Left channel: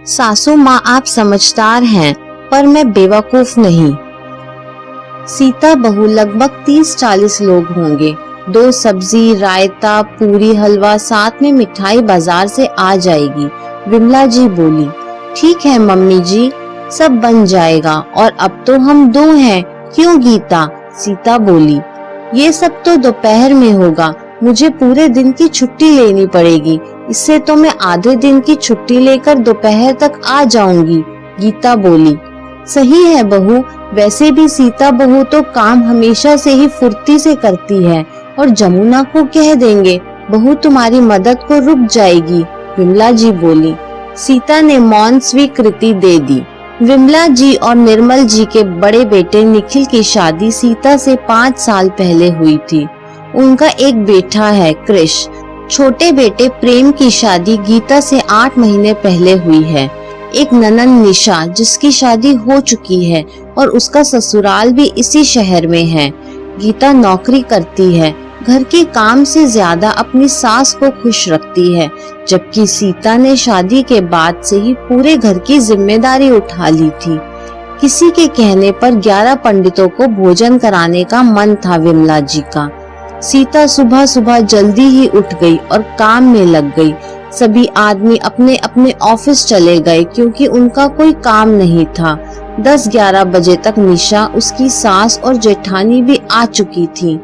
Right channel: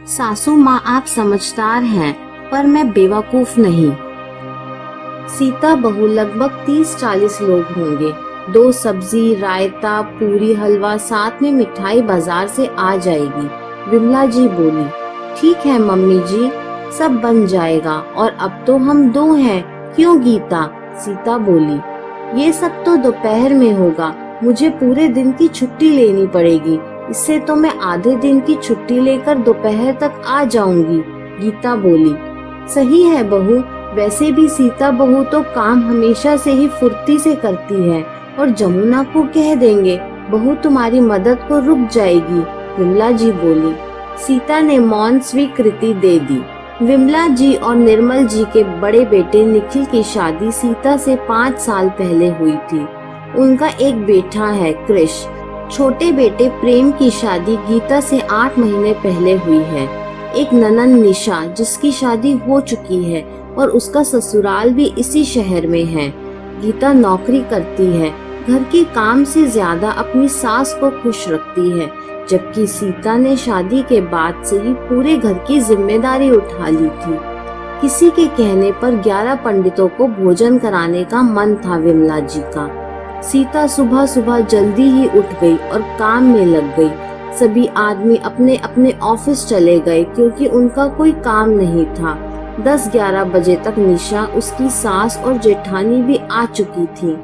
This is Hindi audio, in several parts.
सासू माँ आप समझदार हैं, पर मैं बेवकूफ नहीं। सीता बहू लगभग 30-40 लोग होंगे। 2 सब्जी, रायता, पूरी, हलवा, साथ में मिठाई बाजार से आ जाएगी। विमला जी बोली। ठीक है मम्मी जी, सब बन जाएगा, और अब तो हम 2 हैं, क्यों गीता? सीता बोली। ये सब तो दोपहर में होगा, मुझे पूरे दिन की छुट्टी लेनी पड़ेगी। इससे तो मैं आधे दिन की छुट्टी लेकर दोपहर तक आ जाऊंगी। गीता बोली। सही है बहू, वैसे भी सीता बहू तो काम हमेशा से ही फुर्ती से करती है, और जमुना को कह देंगे बहू तुम्हारी मदद को रुक जाएगी। विमला जी बोली। सीता ने मौन स्वीकृति दे दी। विमला जी और निर्मल जी के बड़े बेटे निखिल की शादी सीता से 5 साल पहले हुई थी। उनका एक बेटा है कृष। छोटे बेटे प्रेम की शादी गीता से 8 महीने पहले हुई है। एक ननंद निशा, जिसकी शादी हो चुकी है और उसका ससुराल भी इसी शहर में है। गीता नौकरी करती है, घर के काम से ज्यादा अपनी सास को खुश रखती है, जबकि सीता ने शादी के बाद से ही पूरे घर की जिम्मेदारी उठा ली थी। किसी के कहने पर 11 पंडितों को भोजन कराने का मन था विमला जी का। सीता सुबह सुबह जल्दी ही उठ गई और काम में लग गई। सभी आदमी अपने अपने ऑफिस चले गए, क्योंकि उनका कोई काम नहीं था। 10-11 बजे तक निशा, उसकी सास और जेठानी भी आ चुकी थी।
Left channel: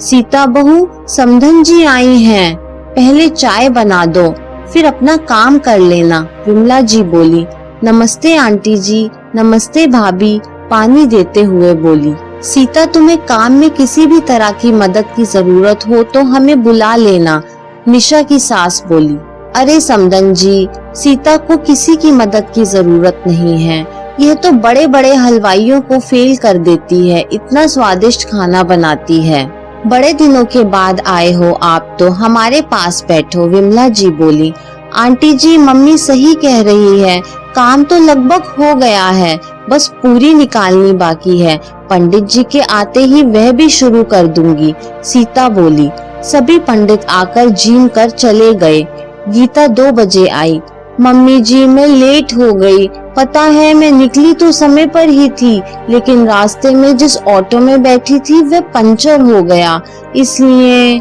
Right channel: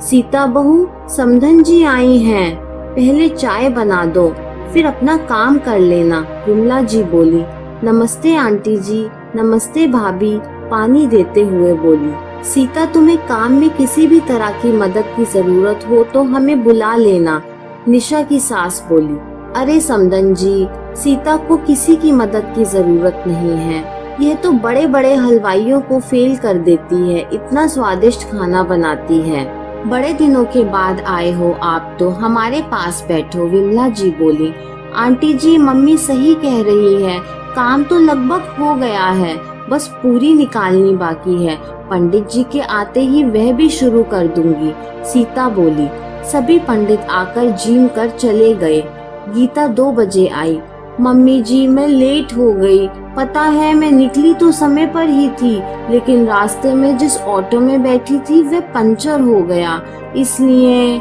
सीता बहू, समधन जी आई हैं, पहले चाय बना दो, फिर अपना काम कर लेना। विमला जी बोली। नमस्ते आंटी जी। नमस्ते भाभी, पानी देते हुए बोली। सीता, तुम्हें काम में किसी भी तरह की मदद की जरूरत हो तो हमें बुला लेना, निशा की सास बोली। अरे समधन जी, सीता को किसी की मदद की जरूरत नहीं है। यह तो बड़े बड़े हलवाइयों को फेल कर देती है, इतना स्वादिष्ट खाना बनाती है। बड़े दिनों के बाद आए हो आप तो हमारे पास बैठो, विमला जी बोली। आंटी जी, मम्मी सही कह रही है, काम तो लगभग हो गया है, बस पूरी निकालनी बाकी है। पंडित जी के आते ही वह भी शुरू कर दूंगी, सीता बोली। सभी पंडित आकर जीम कर चले गए। गीता 2 बजे आई। मम्मी जी, मैं लेट हो गई। पता है, मैं निकली तो समय पर ही थी, लेकिन रास्ते में जिस ऑटो में बैठी थी वह पंचर हो गया, इसलिए।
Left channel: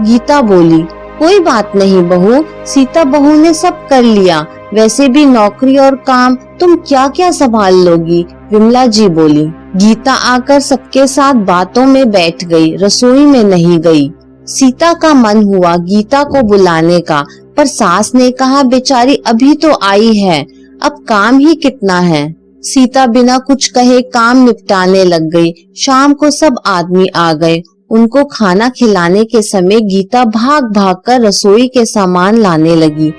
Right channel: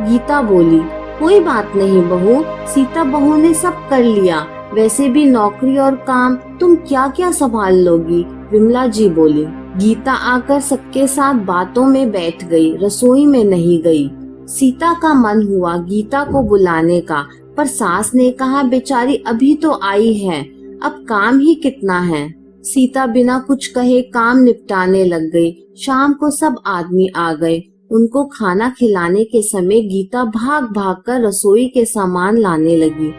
गीता बोली। कोई बात नहीं बहू, सीता बहू ने सब कर लिया। वैसे भी नौकरी और काम तुम क्या क्या संभाल लोगी, विमला जी बोली। गीता आकर सबके साथ बातों में बैठ गई, रसोई में नहीं गई। सीता का मन हुआ गीता को बुलाने का, पर सास ने कहा बेचारी अभी तो आई है, अब काम ही कितना है। सीता बिना कुछ कहे काम निपटाने लग गई। शाम को सब आदमी आ गए। उनको खाना खिलाने के समय गीता भाग भाग कर रसोई के सामान लाने लगी।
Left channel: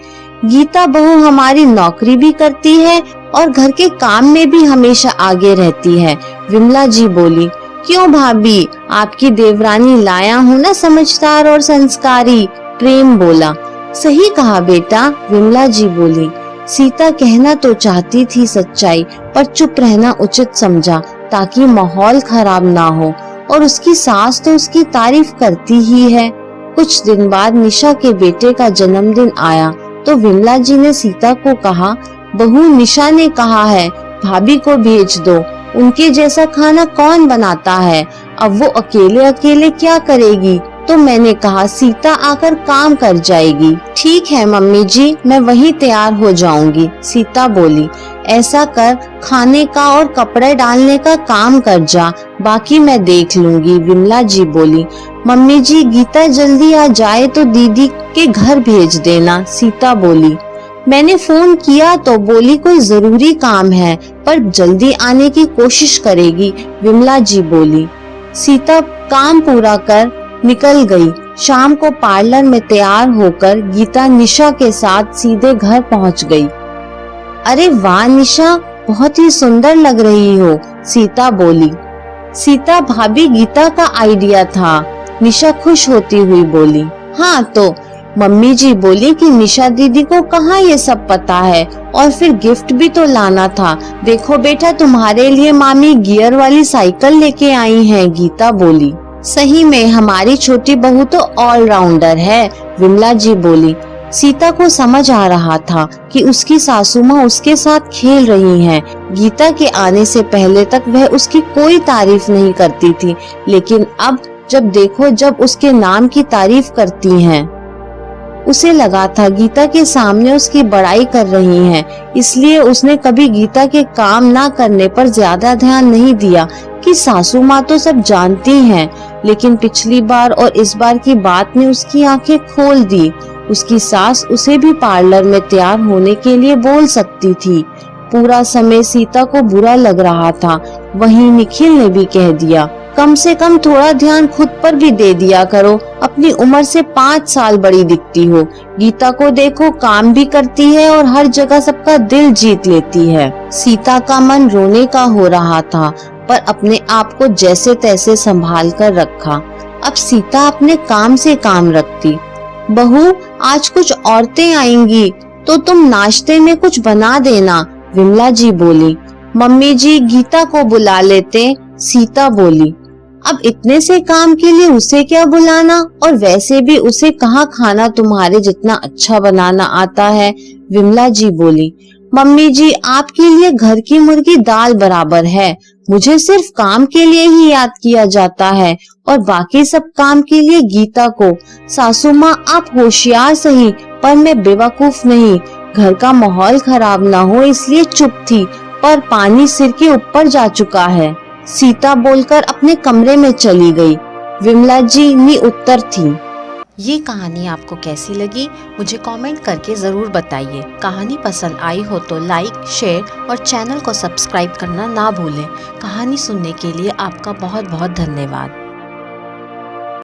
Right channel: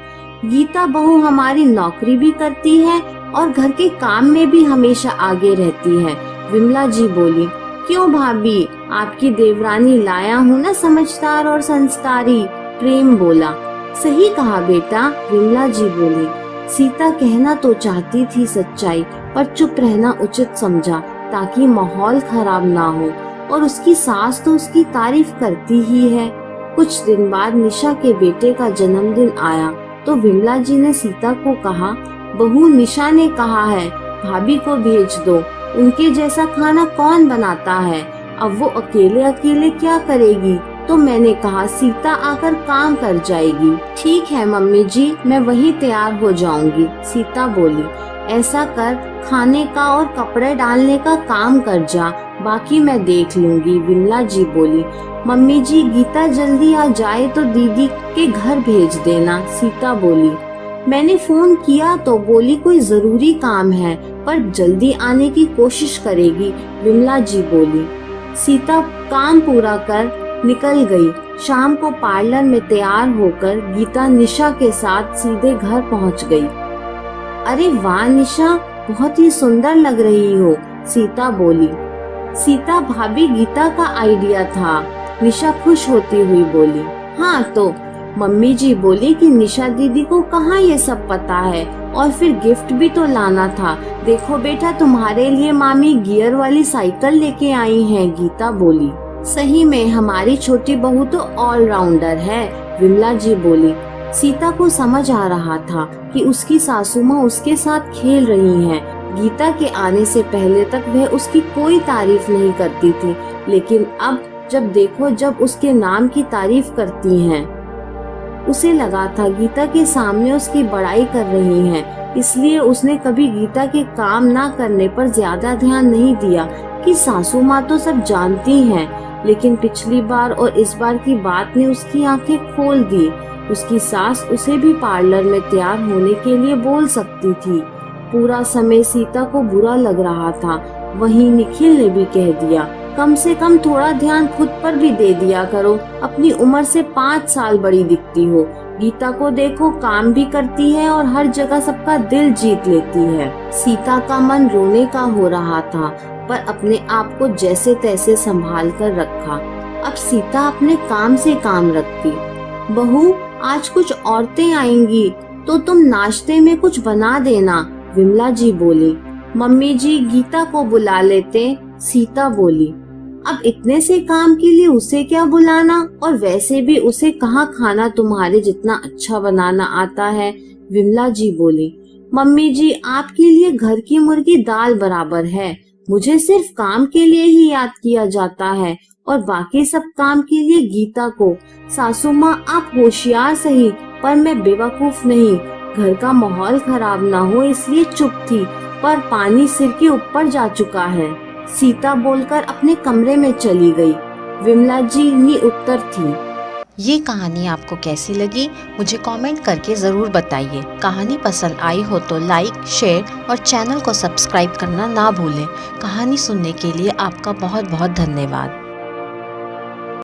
गीता बहू हमारी नौकरी भी करती है और घर के काम में भी हमेशा आगे रहती है, विमला जी बोली। क्यों भाभी, आपकी देवरानी लाया हूँ ना, समझदार और संस्कारी, प्रेम बोला। सही कहा बेटा, विमला जी बोली। सीता कहना तो चाहती थी सच्चाई, पर चुप रहना उचित समझा ताकि माहौल खराब ना हो, और उसकी सास तो उसकी तारीफ करती ही है। कुछ दिन बाद निशा के बेटे का जन्मदिन आया तो विमला जी ने सीता को कहा, बहू निशा ने कहा है भाभी को भेज दो, उनके जैसा खाना कौन बनाता है, अब वो अकेले अकेले क्या करेगी, तो मैंने कहा सीता आकर काम कर जाएगी। ठीक है मम्मी जी, मैं वहीं तैयार हो जाऊंगी, सीता बोली। ऐसा कर, खाने का और कपड़े डालने का काम कर जा, बाकी मैं देख लूंगी, विमला जी बोली। मम्मी जी, गीता जल्दी आ जाए तो दीदी के घर भेज देना, सीता बोली। मैंने फोन किया तो बोली कोई जरूरी काम है, पर जल्दी आने की कोशिश करेगी, विमला जी बोली। सीता काम पूरा कर निकल गई। शाम को पार्लर में तैयार होकर गीता निशा के साथ सीधे घर पहुंच गई। अरे वाह निशा, बहुत ही सुंदर लग रही हो, सीता बोली। सीता भाभी, गीता का आइडिया था, निशा खुश होती हुई बोली। हाँ तो मम्मी जी बोली कि निशा दीदी को कहाँ ये सब पता है, और फिर गिफ्ट भी तो लाना था। देखो बेटा, तुम्हारे लिए मामी गियर वाली साइकिल लेके आई हैं, गीता बोली। सही में हमारी छोटी बहू तो ऑलराउंडर है, विमला जी बोली। सीता को समझ आ रहा था कि उसकी सासू माँ उसके साथ खेल रही हैं। गीता के आने से पहले तक वह उसकी कोई तारीफ नहीं करती थी, लेकिन अब जब देखो जब उसके नाम की तारीफ करती हैं। उसे लगा था गीता के सामने उसकी बड़ाई कर रही हैं, इसलिए उसने कभी गीता के काम ना करने पर ज्यादा ध्यान नहीं दिया कि सासू माँ तो सब जानती हैं। लेकिन पिछली बार और इस बार की बात ने उसकी आंखें खोल दी। उसकी सास उसे भी पार्लर में तैयार होने के लिए बोल सकती थी। पूरा समय सीता को बुरा लग रहा था। वहीं निखिल ने भी कह दिया, कम से कम थोड़ा ध्यान खुद पर भी दे दिया करो, अपनी उम्र से 5 साल बड़ी दिखती हो। गीता को देखो, काम भी करती है और हर जगह सबका दिल जीत लेती है। सीता का मन रोने का हो रहा था, पर अपने आप को जैसे तैसे संभाल कर रखा। अब सीता अपने काम से काम रखती। बहू, आज कुछ औरतें आएंगी तो तुम नाश्ते में कुछ बना देना, विमला जी बोली। मम्मी जी, गीता को बुला लेते, सीता बोली। अब इतने से काम के लिए उसे क्या बुलाना, और वैसे भी उसे कहाँ खाना तुम्हारे जितना अच्छा बनाना आता है, विमला जी बोली। मम्मी जी, आपके लिए घर की मुर्गी दाल बराबर है। मुझे सिर्फ काम के लिए ही याद किया जाता है और बाकी सब काम के लिए गीता को। सासू माँ, आप होशियार सही, पर मैं बेवकूफ नहीं। घर का माहौल खराब ना हो इसलिए चुप थी, पर पानी सिर के ऊपर जा चुका है, सीता बोलकर अपने कमरे में चली गई। विमला जी निउत्तर थी। ये कहानी आपको कैसी लगी मुझे कमेंट करके ज़रूर बताइए। कहानी पसंद आई हो तो लाइक, शेयर और चैनल को सब्सक्राइब करना ना भूलें। कहानी सुनने के लिए आपका बहुत बहुत धन्यवाद।